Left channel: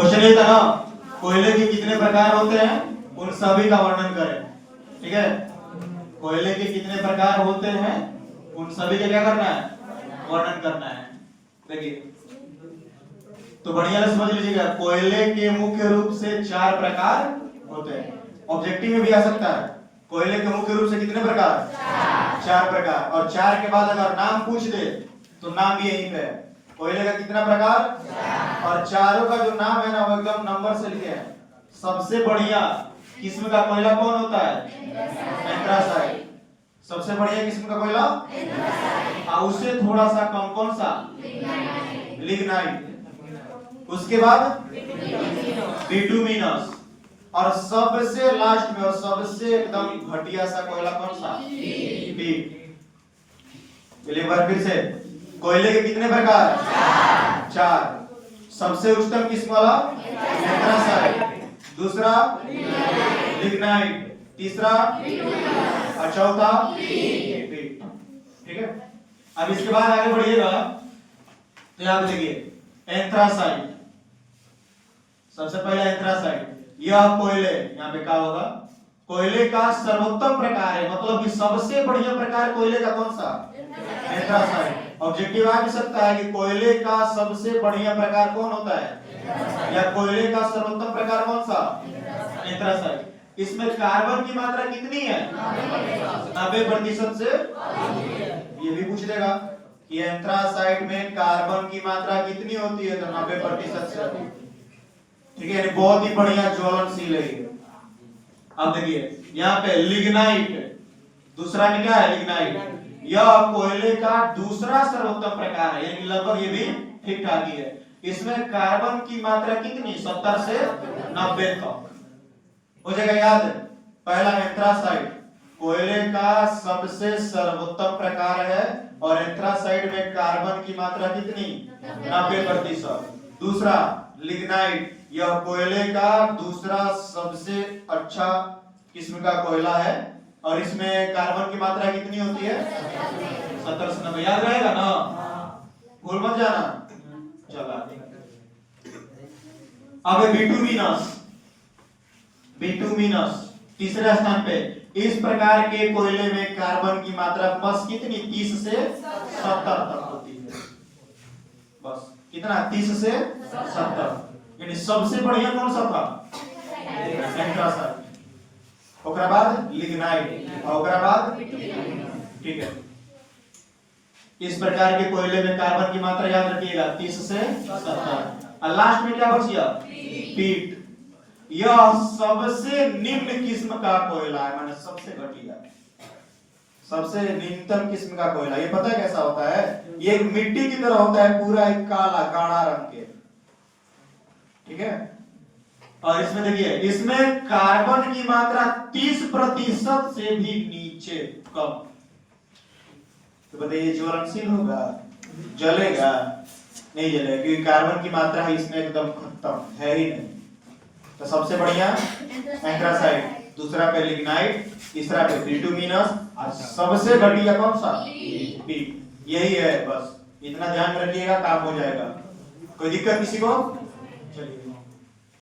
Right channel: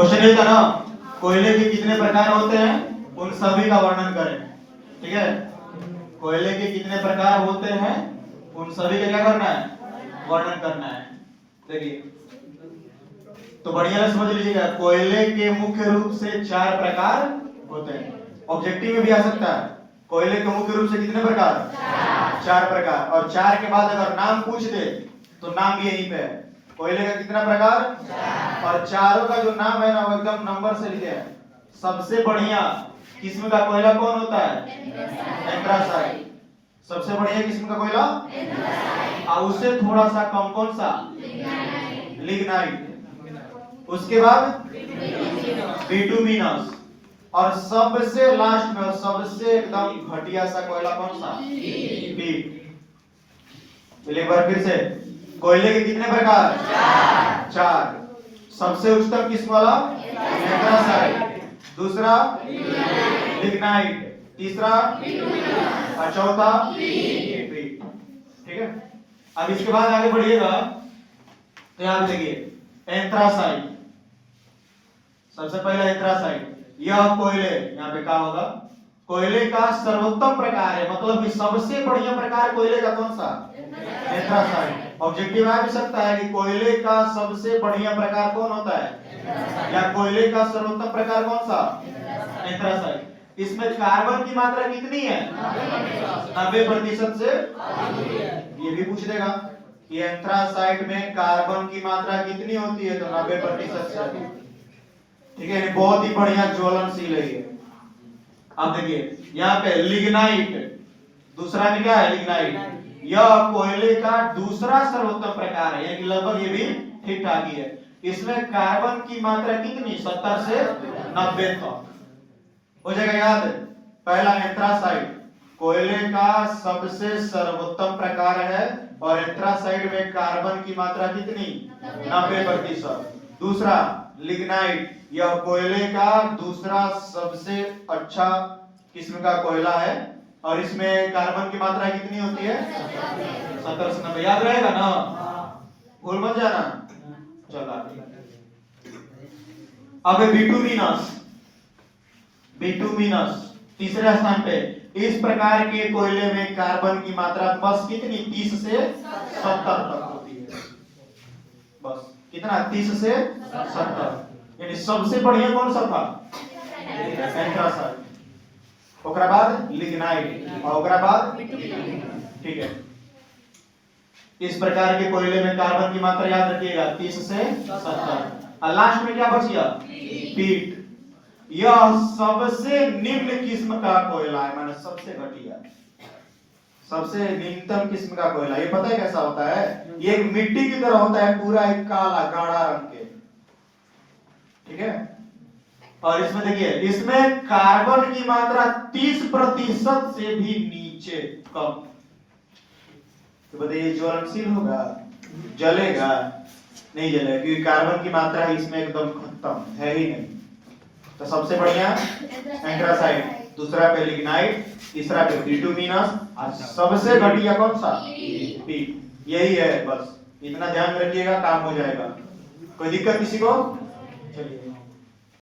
Question ये था ना, कोयले के कितने प्रकार होते हैं उन सभी का वर्णन करें। ठीक है, कोयले के कितने प्रकार होते हैं उन सभी का क्या करना है, वर्णन करना है। देखिए तो बढ़िया से समझ लीजिएगा, कोयले के मुख्य रूप से 4 प्रकार होते हैं। ऑब्जेक्टिव में भी आ सकता है, कोयले के मुख्य रूप से कितने प्रकार, 4 प्रकार। और 4 के बाद अगर नाम पूछ दे तो नाम भी यहीं पे है, कोयले का कितना प्रकार, और चारों का जो नाम है ना वो एकदम नंबर से लिखे हैं। सबसे बढ़िया किस्म का कोयला कौन होता है, एंथ्रासाइट। सबसे बढ़िया किस्म का कोयला, और उससे थोड़ा सा कम कौन सा, लिग्नाइट। उसके बाद बिटुमिनस, और सबसे लास्ट में और सबसे एकदम घटिया सा कोयला कौन सा, पीट। चलिए एक बार फिर से, कोयले के कितने प्रकार, 4। सबसे उच्चतम किस्म वाला एंथ्रासाइट, दूसरा लिग्नाइट, तीसरा और चौथा पीट। ठीक है, अब इसके बाद आगे बढ़िएगा तो याद रखिए एंथ्रासाइट। सबसे पहला एंथ्रासाइट, यह कोयले, यहाँ पे क्या होगा, कोयले का सर्वोत्तम प्रकार है, मतलब कि सबसे बढ़िया प्रकार कोयले का कौन सा, एंथ्रासाइट। ऑब्जेक्टिव आ भी सकता है कि कोयले का सबसे बढ़िया प्रकार कौन होता है, या कोयले का सर्वोत्तम प्रकार कौन सा, एंथ्रासाइट। इसमें कार्बन की मात्रा कितनी है, 90% से। ये भी पूछ देगा कि एंथ्रासाइट में कार्बन की मात्रा कितनी होती है, तो 90% से अधिक। ठीक है, बहुत ही बढ़िया ज्वलनशील है ये। अब देखिए यहाँ पे लिग्नाइट, दूसरा में क्या है, लिग्नाइट। यह कोयले का दूसरा सर्वोत्तम प्रकार है, यानी लगभग ये भी ठीक ठाक ही है। इसमें कार्बन की मात्रा कितनी, 70 से 90 तक हो जाएगा याद। पहला एंथ्रासाइट कोयले का सबसे सर्वोत्तम प्रकार है, और एंथ्रासाइट में कार्बन की मात्रा कितनी, 90%। दूसरा लिग्नाइट, यह कोयले का दूसरा सबसे अच्छा किस्म का कोयला है, और इसमें कार्बन की मात्रा कितनी होती है, 70 से 90। याद रहेगा ना, भूल मत जाना। चलो अब बिटुमिनस, बिटुमिनस तीसरे स्थान पे। इस प्रकार के कोयले में कार्बन की मात्रा बस कितनी, 30 से 70 तक होती है। बस कितना, 30 से 70। यानी सबसे बढ़िया कौन सा था, एंथ्रासाइट, ओकरा बाद लिग्नाइट, और ओकरा बाद, ठीक है। इस प्रकार के कोयले में कार्बन की मात्रा याद रखिएगा 30 से 70। और लास्ट में क्या बच गया, पीट। यह सबसे निम्न किस्म का कोयला है, माने सबसे घटिया, सबसे निम्नतम किस्म का कोयला। ये पता है कैसा होता है, ये एक मिट्टी की तरह होता है, पूरा एक काला गाढ़ा रंग के। ठीक है, और इसमें देखिए, इसमें कार्बन की मात्रा 30% से भी नीचे, कम। तो बताइए ज्वलनशील होगा, जलेगा, नहीं जलेगा, क्योंकि कार्बन की मात्रा इसमें एकदम खत्म है ही नहीं। तो सबसे बढ़िया एंथ्रासाइट, दूसरा पे लिग्नाइट, तीसरा पे बिटुमिनस, और सबसे घटिया कौन सा, पीट। यही है, बस इतना ध्यान रखिएगा, काम हो जाएगा। कोई दिक्कत किसी को, चलिए।